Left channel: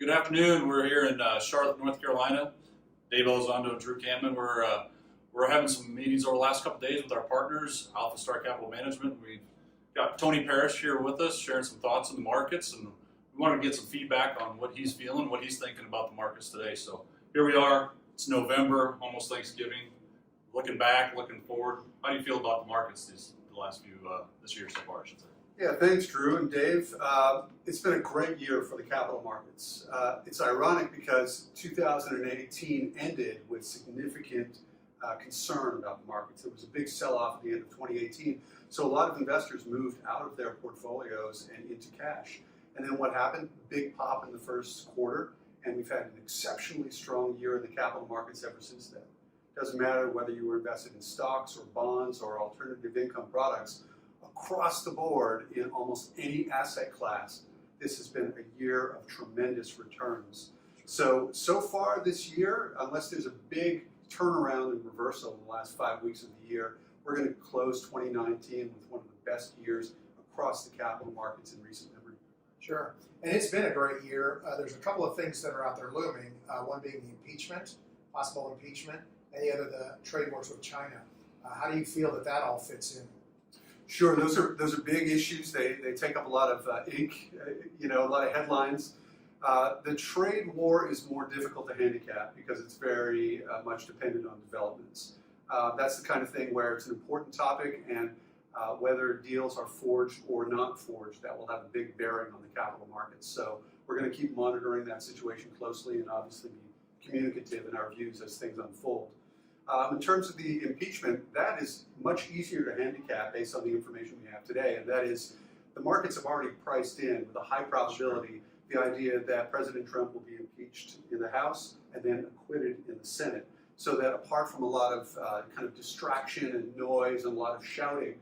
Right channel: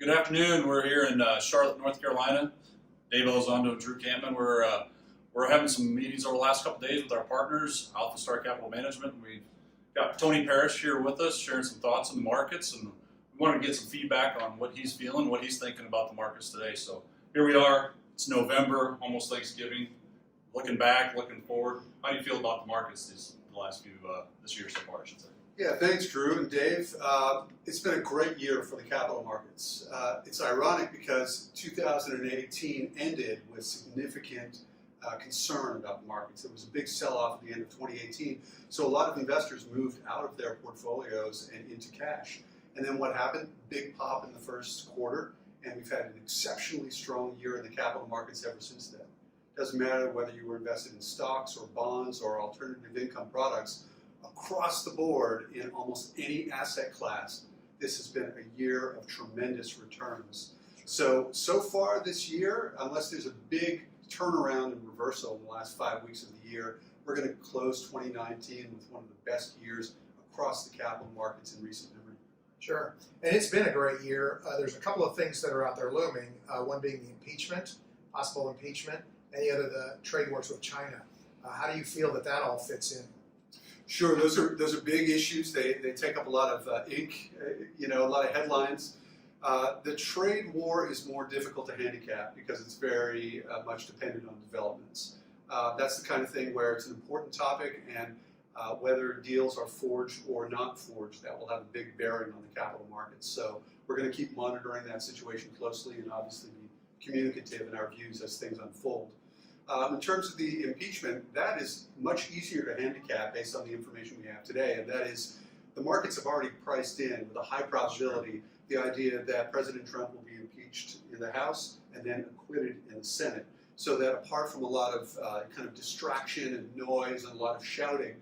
Good afternoon. We're here in Charlotte, North Carolina. Dave Elizondo and Drue Campman. We're having some meetings over the last couple of days with our partners, Alphastar Capital Management. We've got Tony Parish here with us, sharing some thoughts on the markets, and we wanted to get some feedback on what he's feeling, what he's thinking about the markets today. So here we are. It's November, almost Thanksgiving. Looking back, looking forward. How do you feel about the markets this year so far, I should say? Yeah, thanks, Drew and Dave. It's been a great year for the capital markets. It's ironic because 2018 ended with significant concern about the markets. There was a big sell-off at the end of 2018, so a lot of investors moved out of their portfolios and into cash. And then what happened? Big pop in the first quarter, and we've had an exceptionally strong year in the capital markets ever since then. Doesn't matter whether you were invested in stocks or bonds or alternative income products. Across the board in almost any asset class, this has been a year of tremendous returns. So far this year, unless there's a big turnaround and reversal in the last 5 weeks of the year, we're going to close 2019 with one of the best years across the capital markets in recent memory. Sure, and it's been a great year. There's a couple of things that are out there looming, one being the impeachment, possible impeachment, and the other the trade wars with China. How do you feel that all fits in? Sure, those are big issues. They take up a lot of ink, a lot of headlines. The trade war is more difficult to handicap because it's very much dependent on developments. That's the kind of thing where it's an important topic, and whether deals are forged or not forged, that will have a big bearing on the capital markets. So we're going to keep monitoring that situation closely and obviously be communicative in our views as things unfold. In terms of the impeachment, that is much easier to handicap based on the information we have today, and that is the markets have already priced in with a high probability the idea that President Trump will be impeached in the House and then acquitted in the Senate, so that apart from a lot of kind of distraction and noise and a lot of shouting,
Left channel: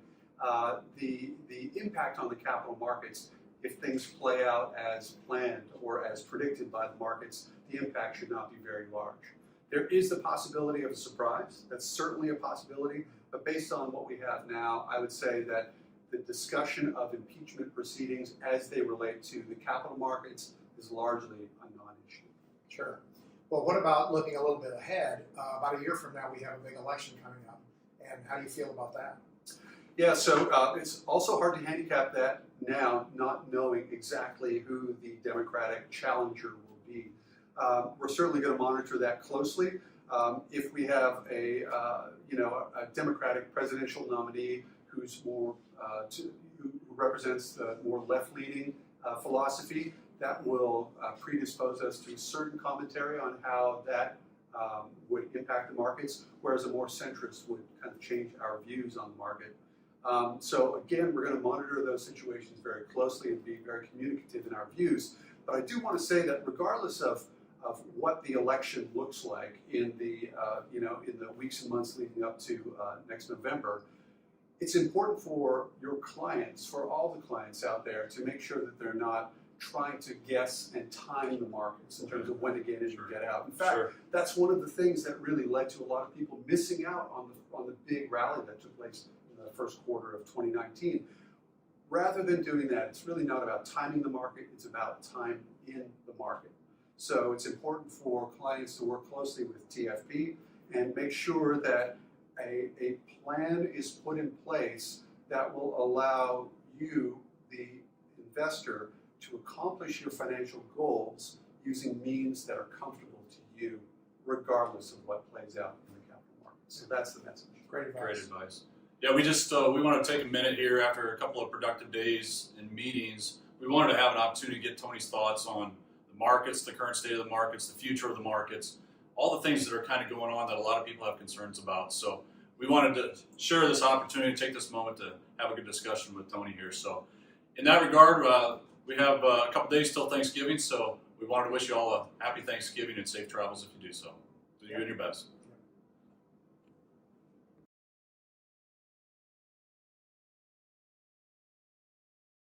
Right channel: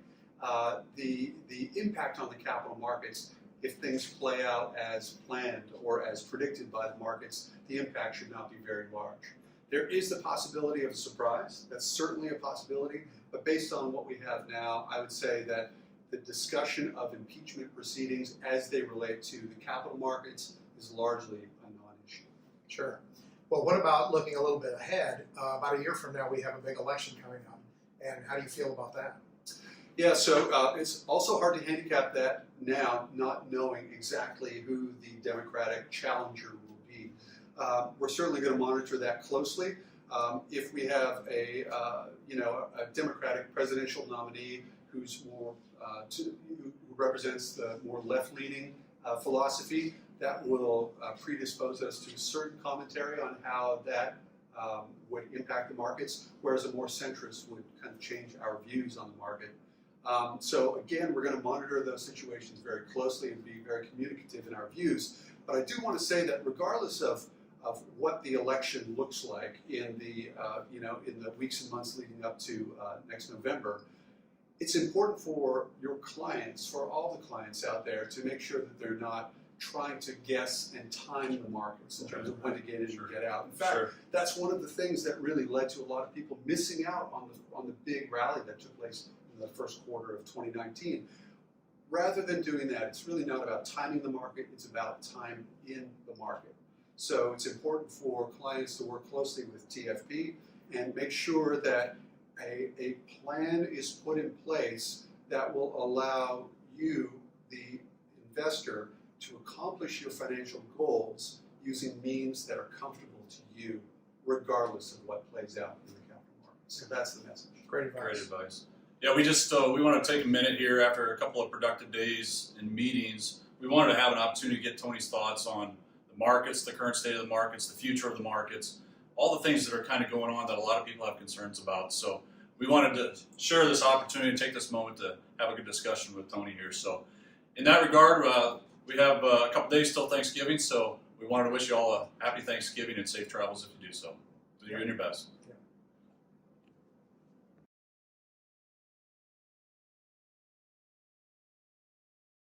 the impact on the capital markets, if things play out as planned or as predicted by the markets, the impact should not be very large. There is the possibility of a surprise. That's certainly a possibility. But based on what we have now, I would say that the discussion of impeachment proceedings as they relate to the capital markets is largely a non-issue. Sure. Well, what about looking a little bit ahead? About a year from now, we have a big election coming up. And how do you feel about that? Yeah, so it's also hard to handicap that now, not knowing exactly who the Democratic challenger will be. We're certainly going to monitor that closely. If we have a Democratic presidential nominee who's more who represents the more left-leaning philosophy, that will predispose us to a certain commentary on how that would impact the markets, whereas a more centrist would kind of change our views on the market. So again, we're going to monitor those situations very closely and be very communicative in our views. But I do want to say that regardless of what the election looks like in the in the weeks and months leading up to next November, it's important for your clients, for all the clients out there, to make sure that they're not trying to guess and time the markets in terms of when to get in and get out. In fact, that's one of the things that really led to a lot of people missing out on the big rally that took place in the first quarter of 2019. Rather than doing that, it's really not about timing the market, it's about time in the market. So it's important for clients to work closely with TFP and make sure that a plan is put in place that will allow you, the investor, to accomplish your financial goals using means that are comfortable to you, regardless of what plays out in the capital markets. So that's the message. Great advice. Great advice. Yeah, we want to take a minute here after a couple of productive days and meetings. We wanted to have an opportunity to get Tony's thoughts on markets, the current state of the markets, the future of the markets, all the things that are kind of going on that a lot of people have concerns about. So we wanted to share this opportunity, take this moment to have a good discussion with Tony here. So in that regard, we have a couple days till Thanksgiving, so we wanted to wish you all a happy Thanksgiving and safe travels if you do so. Do you and your best.